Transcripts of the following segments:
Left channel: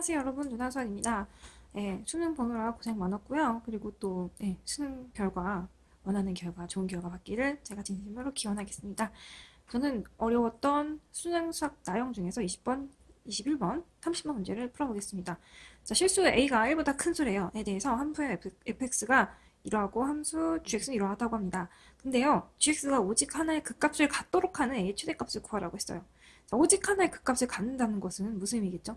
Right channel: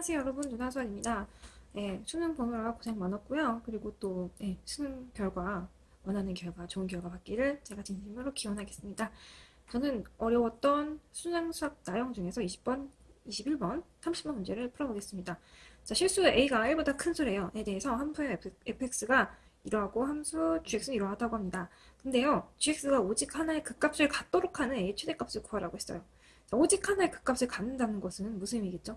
안녕하세요 여러분, 누나선입니다. 수능 보느라 고생 많았고요. 그리고 또 수능 결과, 원하는 결과, 좋은 결과 받기를 제가 진심으로 기원하겠습니다. 저는 어려웠던 수능 수학 나형 중에서 20번, 21번, 30번 문제를 풀어보겠습니다. 자, 실수 a가 1보다 큰 수래요에 대해서 함수의 fx가 이러하고 함수 gx는 이러하다고 합니다. 근데요, gx가 오직 하나의 극값을 갖도록 하는 a 최대값을 구하라고 했어요. 자, 오직 하나의 극값을 갖는다는 것은 무슨 의미겠죠?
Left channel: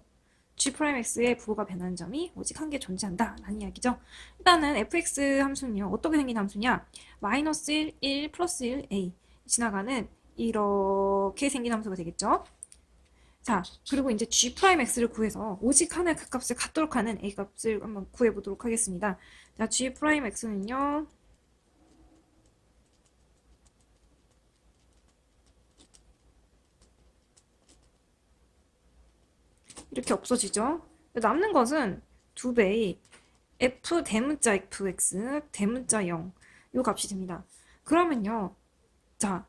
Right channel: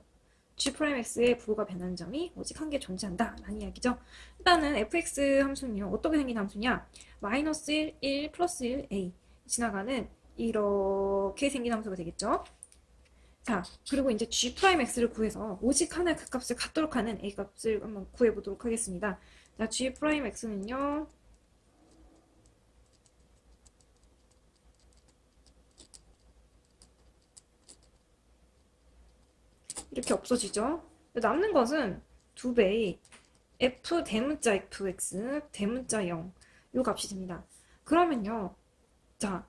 G'X의 부호가 변하는 점이 오직 한 개 존재한다 라는 이야기죠. 일단은 fx 함수는요, 어떻게 생긴 함수냐, 마이너스 1, 1, 플러스 1, a 지나가는 이렇게 생긴 함수가 되겠죠. 자, 그리고 이제 G'X를 구해서 오직 하나의 그 값을 갖도록 하는 a 값을 한번 구해보도록 하겠습니다. 자, G'X는요, 이렇게 없어지죠. 남는 것은 2배의 f 대문자 fx 대문자 0 요 값이 됩니다. 그러면요, 자,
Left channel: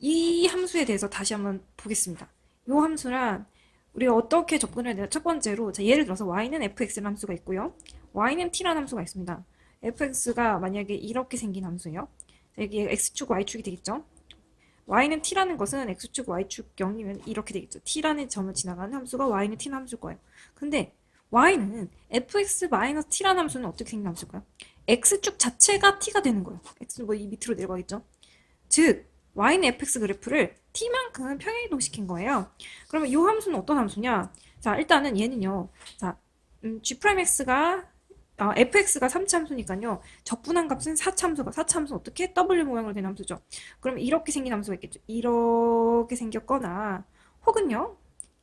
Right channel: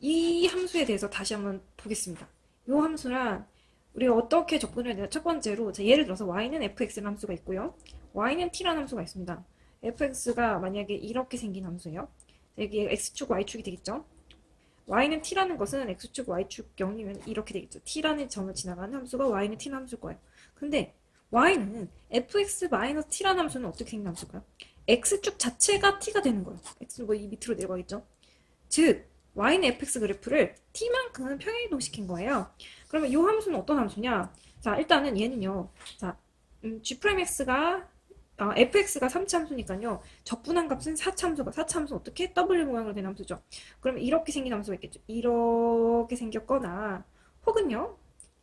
이 함수에 대해서 다시 한번 보겠습니다. 이 함수란 우리가 어떻게 접근해야 되나? 첫 번째로, 자, 예를 들어서 y는 fx라는 함수가 있고요, y는 t라는 함수가 있습니다. fx가 만약에 이렇게 생긴 함수예요. 여기 x축 y축이 되겠죠. y는 t라는 것은 x축 y축 0이면 이렇게 되겠죠. t라는 점을 지나가는 함수가 y는 t라는 함수일 거예요. 근데 y는 fx-t라는 함수는 어떻게 생긴 함수일까요? x축 자체가 t가 되는 거예요. x는 뭐 이 밑으로 내려가겠죠. 즉 y는 fx 그래프를 t만큼 평행이동시킨 거예요. 그러면 이 함수는 어떤 함수냐? 자, 일단은 얘는요, 자, g'x가 fx가 3차함수니까요, 적분한 값은 4차함수가, 4차함수 어떻게? W 모양으로 된 함수죠. 그러면 이렇게 생긴 함수가 있겠죠. 이렇게 생겼거나, 혹은요,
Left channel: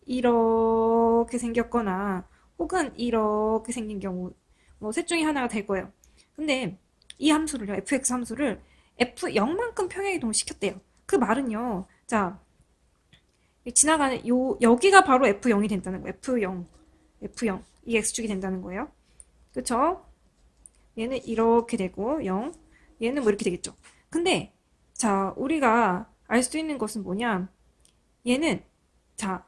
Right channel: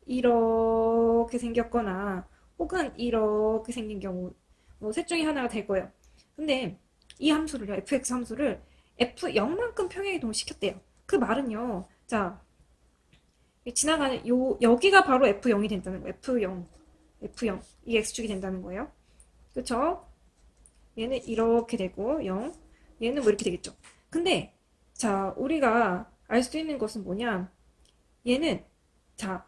이렇게 생겼거나, 혹은 이렇게 생긴 경우, 뭐 셋 중에 하나가 될 거예요. 근데 이 함수를요, fx 함수를 f0만큼 평행이동을 시켰대요. 그 말은요, 자, 지나가는 여기가 바로 f0이 된다는 거예요. f0 이 x축이 된다는 거예요. 그쵸? 얘는 이렇게 되고 0, 얘는 뭐 이렇게 되겠죠. 근데 자, 우리가 알 수 있는 것은 뭐냐, 얘는, 자,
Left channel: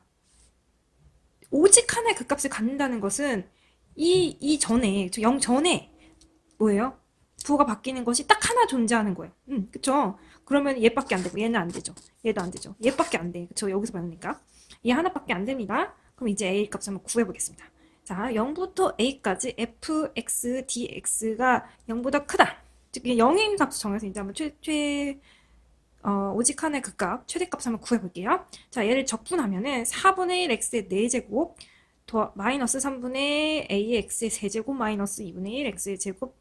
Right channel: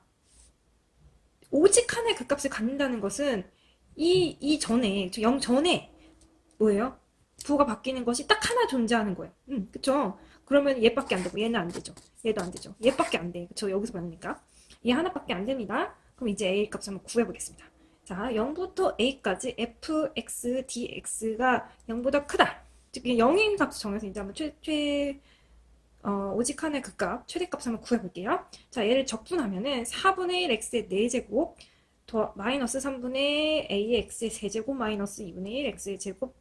오직 하나의 극값을 갖는다는 것은 이 전에, 저 0 전에 뭐예요? 부호가 바뀌는 것이 딱 하나 존재하는 거예요. 그쵸? 그러면 얘밖에 안 되고 얘는 안 되죠. 얘도 안 되죠. 얘밖에 안 돼. 그쵸? 여기서 보니까 얘 하나밖에 안 됩니다. 그럼 이제 a 값 한번 구해보겠습니다. 자, 0부터 a까지 fx, dx가 0보다 크다. 즉 0인 값 정해서 이제 한번 오직 하나의 극값, 최대값 한번 구해볼게요. 자, 얘를 적분하면은 4분의 1 x의 4제곱 마이너스 3분의 a의 x의 세제곱 마이너스 2분의 1 x의 제곱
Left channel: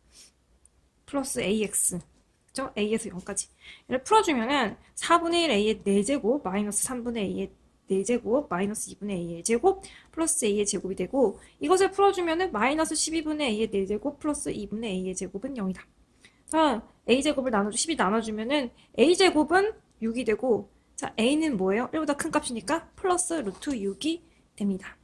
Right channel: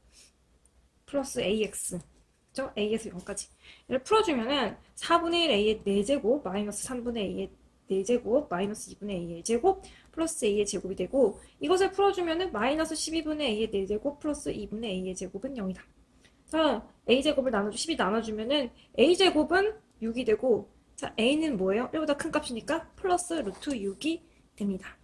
플러스 ax, 그죠? a에서 0까지. 얘를 풀어주면은 4분의 1 a의 4제곱 마이너스 3분의 a의 4제곱 마이너스 2분의 a의 제곱 플러스 a의 제곱이 되고, 이것을 풀어주면은 마이너스 12분의 a의 4제곱 플러스 2분의 a의 제곱은 0이다. 자, a제곱을 12 나눠주면은 a제곱은 6이 되고, 자, a는 뭐예요? 1보다 큰 값이니까 플러스 루트 6이 됩니다.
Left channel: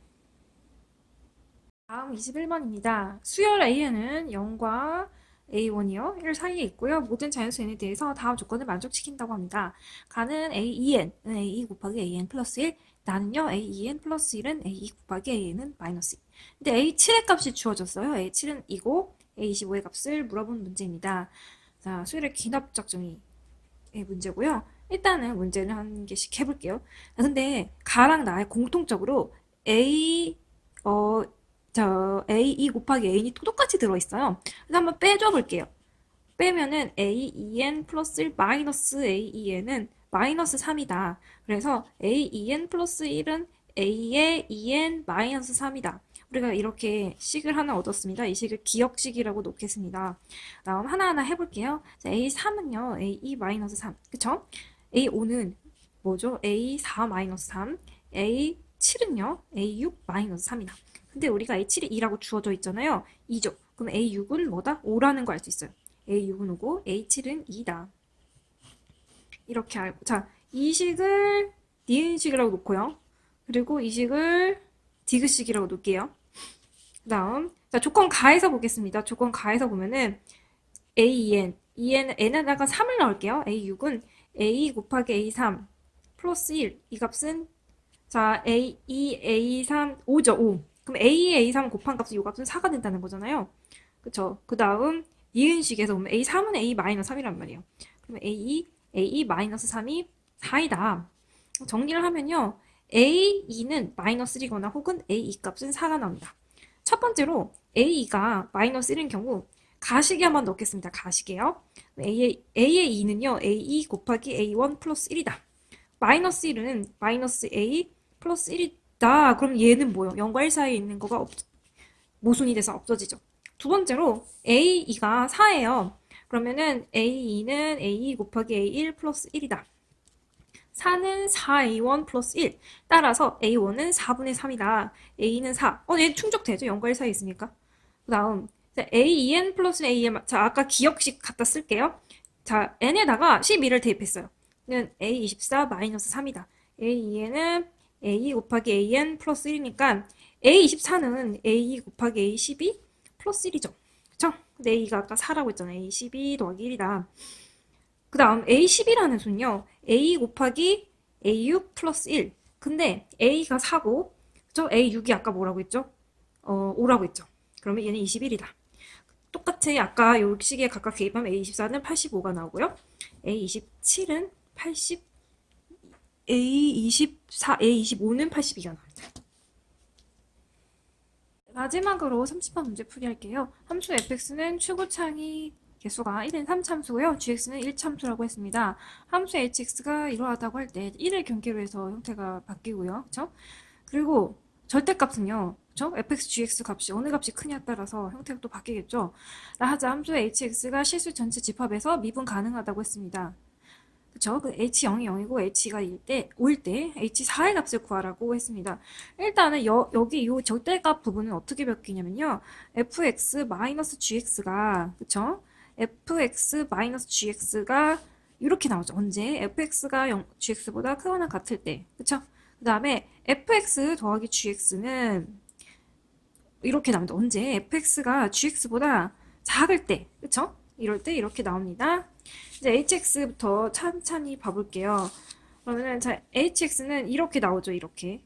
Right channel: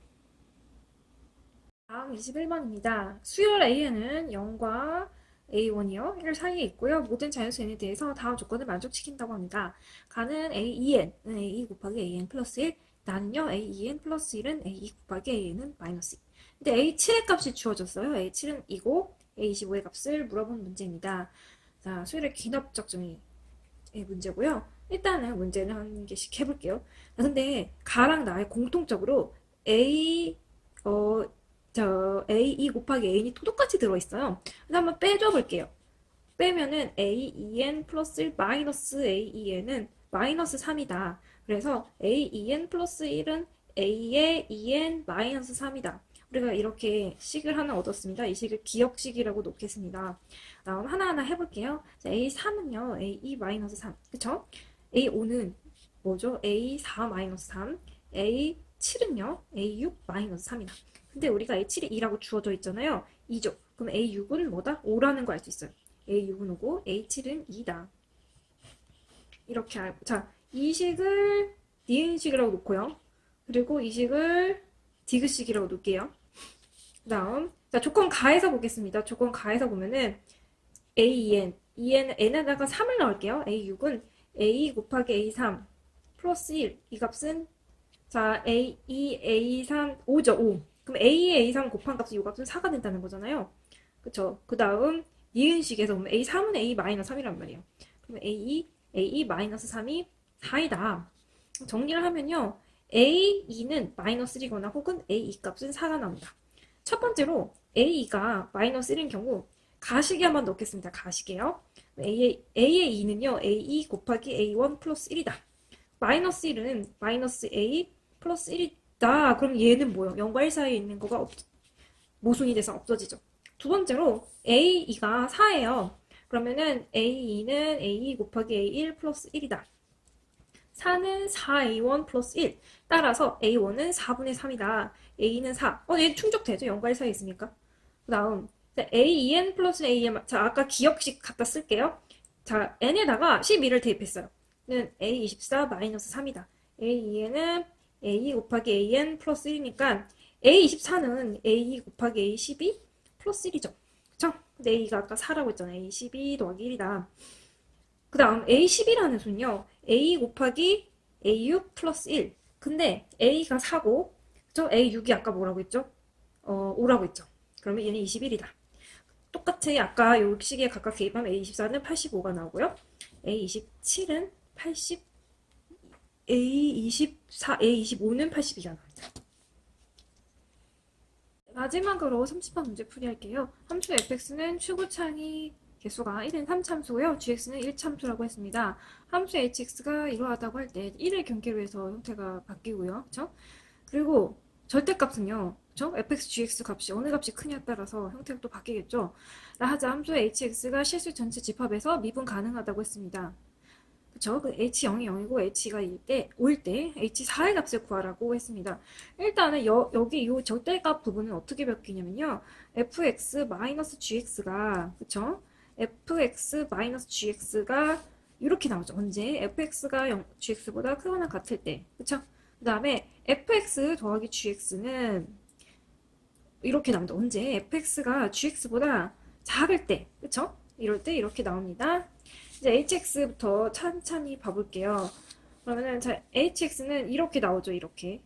다음 21번입니다. 수열 a는 0과 a1이요, 1 사이에 있고요. 모든 자연수 n에 대해서 다음 조건을 만족시킨다고 합니다. 가는 a2n은 a2 곱하기 an 플러스 1, 나는요 a2n 플러스 1은 a2 곱하기 an은 마이너스 2. 근데 a7의 값이 주어졌어요. a7은 2고 a25의 값을 물어본 문제입니다. 자, 수열의 귀납작정의 문제고요. 일단은 문제를 한 개씩 해볼게요. 근데 가랑 나의 공통적으로 A2 곱하기 A이 똑같이 들어있어요. 그래서 한번 빼줘 볼게요. 빼면은 A2N 플러스 1 마이너스 A2N은 마이너스 3이다. 그래서 A2N 플러스 1은 A의 2N 마이너스 3이다. 우리가 이렇게 식을 하나 얻었습니다. 이 식을 기억식이라고 놓겠습니다. 다음 하나하나 해볼게요. 자, A3은요, A2 마이너스 3. 그쵸? A5는 뭐죠? A4 마이너스 3. A7은요, A6 마이너스 3이다. 근데 우리가 A7이 2라고 주어져 있잖아요. 2죠. 그럼 A6은 뭐다? 5라는 걸 알 수 있어요. A6은 5고 A7은 2다. 이렇게 알고, 자, 이 식을 니은식이라고 놓고요. 그리고 이 식을 디귿식이라고 놓을게요. 그 다음, 자, 조건 가해서 보겠습니다. 조건 가해서 보면은 A2N, N에다가 3을 넣을게요. A6은 A 곱하기 A3 플러스 1, 이 값은, 자, A2, A3, 5죠, 5. 그럼 A, A3 곱한 값은 이 값은 4가 된다는 거잖아요. 그쵸? 그 다음 이은식에서 보면 A3은 A-3이란 말이에요. 그러면 A-3이 4이다. 정리를 하면요. A2는 마이너스 1이거나 혹은 A2 값은 4가 나옵니다. 첫 번째로 A2가 마이너스 1인 경우 가시기 한번 넣겠습니다. 가시게요. A의 2는요. A2 곱하기 A1 플러스 1이다. 마이너스 1은 마이너스 A 플러스 1이다. 그럼 얘는 뭐요? 0과 1 사이에 있는 거가 모순이 돼서 없어지죠. 두 번째로 A2가 4예요. 그러면은 A2는 A2 곱하기 A1 플러스 1이다. 4는 4A1 플러스 1. 따라서 A1은 4분의 3이다. A는 4. 얘 충족되죠? 0과 1 사이에 있으니까. 그 다음 A2N 플러스 AN. 자, 아까 기억식 갖다 쓸게요. 자, N에다가 12를 대입했어요. 는 A24 마이너스 3이다. A2N은 A 곱하기 AN 플러스 1이니까 A24는 A 곱하기 A12 플러스 1이죠. 그쵸? 근데 A가 아까 4라고 했잖아요. A12 더하기 1이다. 그 다음 A12라는 수는요. A 곱하기 A6 플러스 1. 근데 A가 4고 저 A6이 아까 뭐라고 했죠? 5라고 했죠. 그러면 얘는 21이다. 똑같이 아까 요 식에 각각 대입하면 A24는 85가 나오고요. A27은 80, A24, A25는 82가 나옵니다. 마지막으로 30번 문제 풀이할게요. 함수 fx는 최고차이 개수가 1인 3참수고요. gx는 1참수라고 했습니다. 함수 hx가 이러하다고 할 때 1을 경계로 해서 형태가 바뀌고요. 그쵸? 그리고 절대값은요. 그쵸? fx, gx 값이 어느 값이 크냐에 따라서 형태가 또 바뀌겠죠. 라하자 함수 hx가 실수 전체 집합에서 미분 가능하다고 했습니다. 그쵸? 그 h0이 0이고 h가 5일 때 h4의 값을 구하라고 했습니다. 일단은 여기 이 절대값 부분은 어떻게 바뀌냐면요. fx-gx가 그쵸? fx-gx가 이렇게 나오죠. 언제? fx가 gx보다 크거나 같을 때. 그쵸? 그 다음에 fx 더하기 gx는 이렇게 나옵니다. 언제? fx가 gx보다 작을 때. 그쵸? 이럴 때 이렇게 나옵니다. 이제 hx부터 찬찬히 봐볼게요. 그러면은 자, hx는 이렇게 나오죠. 이렇게.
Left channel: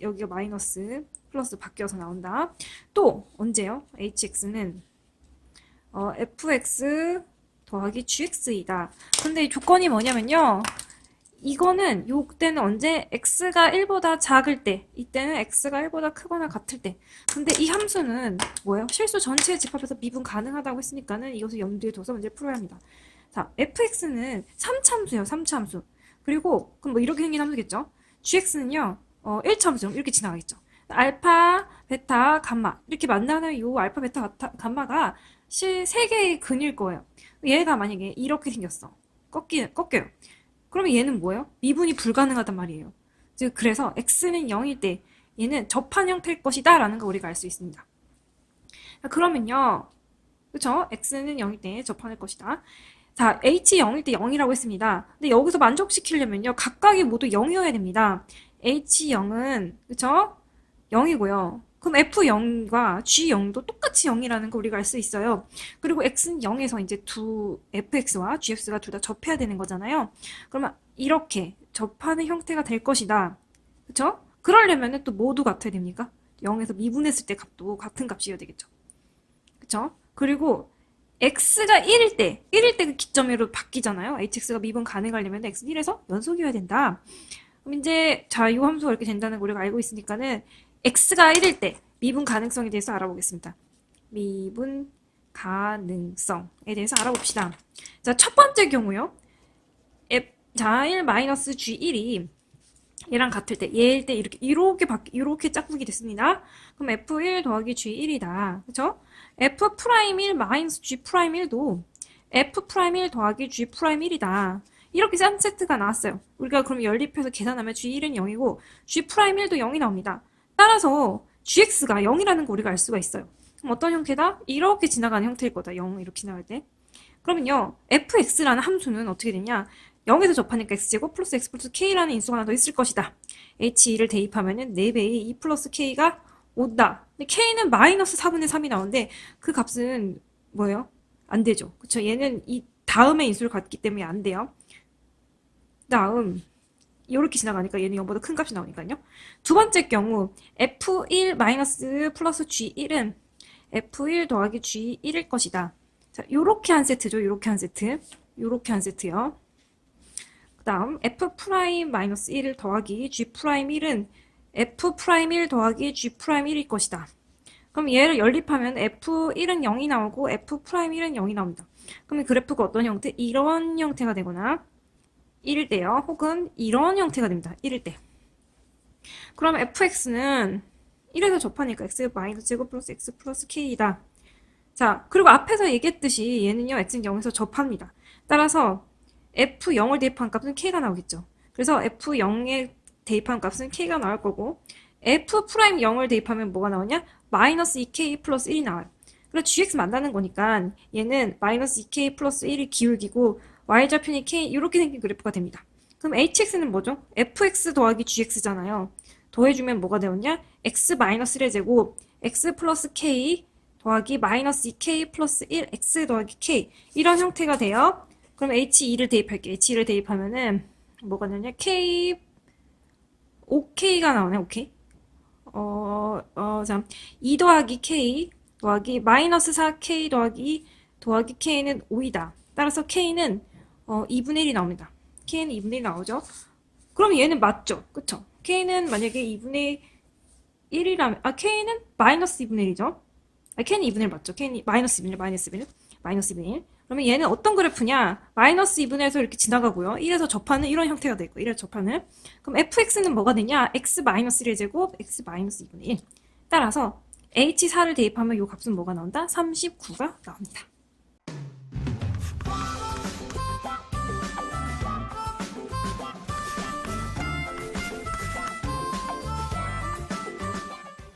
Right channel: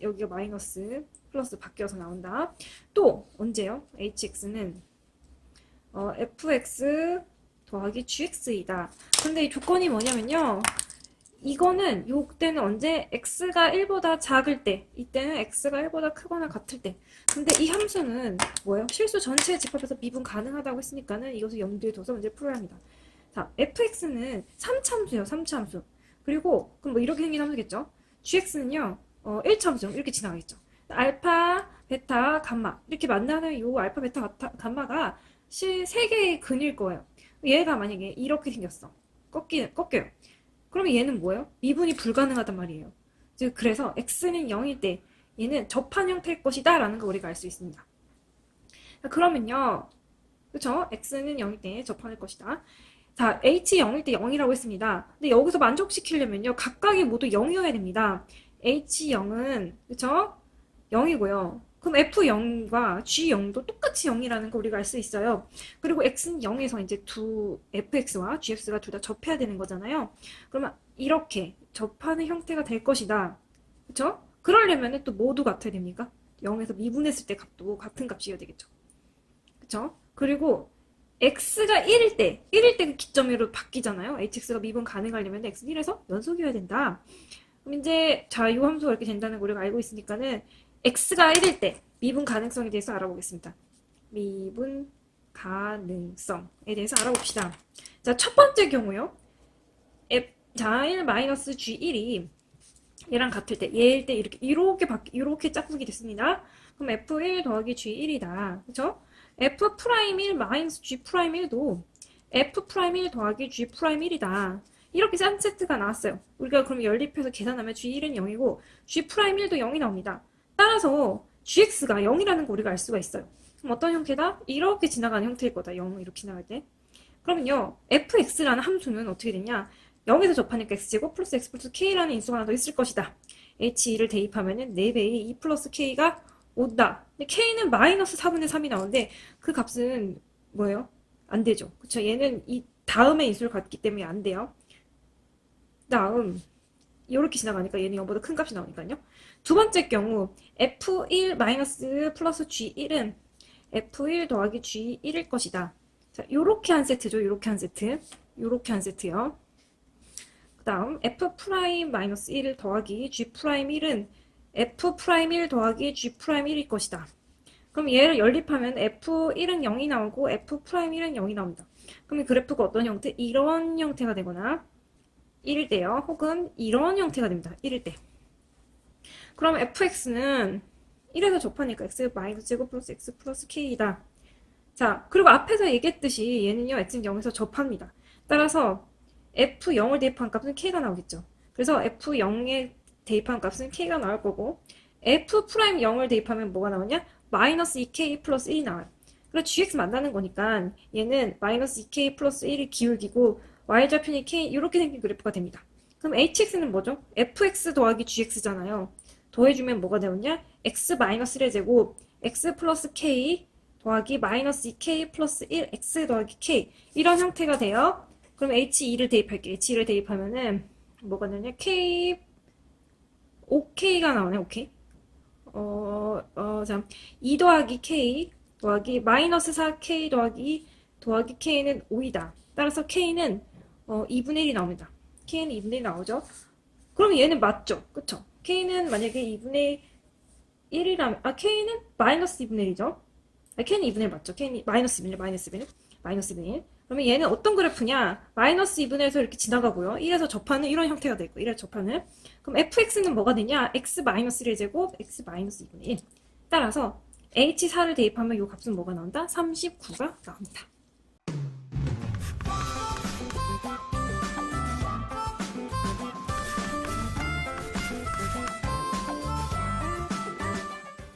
여기가 마이너스 플러스 바뀌어서 나온다. 또 언제요? hx는 fx 더하기 gx이다. 근데 이 조건이 뭐냐면요. 이거는 요때는 언제 x가 1보다 작을 때, 이때는 x가 1보다 크거나 같을 때. 근데 이 함수는 뭐예요? 실수 전체의 집합에서 미분 가능하다고 했으니까는 이것을 염두에 둬서 문제 풀어야 합니다. 자, fx는 3참수예요. 3참수. 그리고 그럼 뭐 이렇게 생긴 함수겠죠? gx는요. 1참수 이렇게 지나가겠죠. 알파, 베타, 감마 이렇게 만나는 요 알파, 베타, 감마가 3개의 근일 거예요. 얘가 만약에 이렇게 생겼어. 꺾여요. 그러면 얘는 뭐예요? 미분이 불가능하단 말이에요. 즉 그래서 x는 0일 때 얘는 접한 형태일 것이다 라는 거 우리가 알 수 있습니다. 그러면요. 그쵸? x는 0일 때 접한일 것이다. 자, h 0일 때 0이라고 했습니다. 근데 여기서 만족시키려면요. 각각이 모두 0이어야 됩니다. h0은 그쵸? 0이고요. 그럼 f0과 g0도 똑같이 0이라는 거 우리가 알 수 있어요. 그리고 x는 0에서 이제 fx와 gx가 둘 다 접해야 되는 거잖아요. 그러면 이렇게 접하는 형태가 될 것이다. 그쵸? 그러려면 또 모두 같아야 됩니까? 0에서 미분했을 때 값도 같은 값이어야 되겠죠. 그쵸? 그리고 x가 1일 때 그 기점으로 바뀌잖아요. hx가 미분 가능하려면 x는 1에서 연속이어야 된다. 그럼 이제 자, 이 함수가 이렇게 된다는 걸 우리가 알고 있으니까는 x가 1일 때 미분 가능성에 대해서 알아보겠습니다. 미분 가능성에 대해서 알아봅시다. 자, 첫 번째 경우요. 자, 1-g1이 얘랑 같을 때, 얘일 때 이렇게 짝꿍이 됐습니다. 그럼 f1 더하기 g1이다. 그쵸? f'1 g'1도 f'1 더하기 g'1이다. 이렇게 짠 세트가 나왔어요. 우리가 그럼 연립해서 계산하면 g1은 0이고 g'1도 0이 나옵니다. 따라서 gx가 0이라는 거 우리가 알 수가 있어요. 그럼 어떤 형태다? 이렇게 지나가는 형태일 거다. 0 이렇게 지나갈 때. 그러면요. fx라는 함수는 어떻게 되냐? 0에서 접하니까 x제곱 플러스 x 플러스 k라는 인수가 하나 더 있을 것이다. h2를 대입하면은 4배의 2 플러스 k가 온다. 근데 k는 마이너스 4분의 3이 나오는데 그 값은 뭐예요? 안 되죠. 그쵸? 얘는 이 다음에 인수를 갖기 때문에 안 돼요. 다음 이렇게 지나가니까 얘는 0보다 큰 값이 나오니까요. 두 번째 경우 F1 마이너스 플러스 G1은 F1 더하기 G1일 것이다. 자, 요렇게 한 세트죠. 요렇게 한 세트. 요렇게 한 세트요. 그 다음 F 프라임 마이너스 1 더하기 G 프라임 1은 F 프라임 1 더하기 G 프라임 1일 것이다. 그럼 얘를 연립하면 F1은 0이 나오고 F 프라임 1은 0이 나옵니다. 그럼 그래프가 어떤 형태? 이런 형태가 되거나 1일 때요. 혹은 이런 형태가 됩니다. 1일 때. 그럼 fx는 1에서 접하니까 x 마이너스 제곱 플러스 x 플러스 k이다. 자, 그리고 앞에서 얘기했듯이 얘는요, x는 0에서 접합니다. 따라서 f0을 대입한 값은 k가 나오겠죠. 그래서 f0에 대입한 값은 k가 나올 거고, f'0을 대입하면 뭐가 나오냐? 마이너스 2k 플러스 1이 나와요. 그래서 gx 만나는 거니까 얘는 마이너스 2k 플러스 1이 기울기고 y좌편이 k 이렇게 생긴 그래프가 됩니다. 그럼 hx는 뭐죠? fx 더하기 gx잖아요. 더해주면 뭐가 되었냐? x 마이너스 1의 제곱 x 플러스 k 더하기 마이너스 2k 플러스 1 x 더하기 k 이런 형태가 돼요. 그럼 h2를 대입할게요. h2를 대입하면은 뭐가 되냐? k 5k가 나오네. 오케이. 자, 2 더하기 k 더하기 마이너스 4k 더하기 k는 5이다. 따라서 k는 2분의 1이 나옵니다. k는 2분의 1 나오죠. 그럼 얘는 맞죠? 그쵸? k는 만약에 2분의 1이라면, k는 마이너스 2분의 1이죠? k는 2분의 1 맞죠? k는 마이너스 2분의 1, 마이너스 2분의 1. 그러면 얘는 어떤 그래프냐? 마이너스 2분의 1에서 이렇게 지나가고요. 1에서 접하는 이런 형태가 되고, 1에서 접하는. 그럼 fx는 뭐가 되냐? x 마이너스 1의 제곱, x 마이너스 2분의 1. 따라서 h4를 대입하면 이 값은 뭐가 나온다? 39가 나옵니다.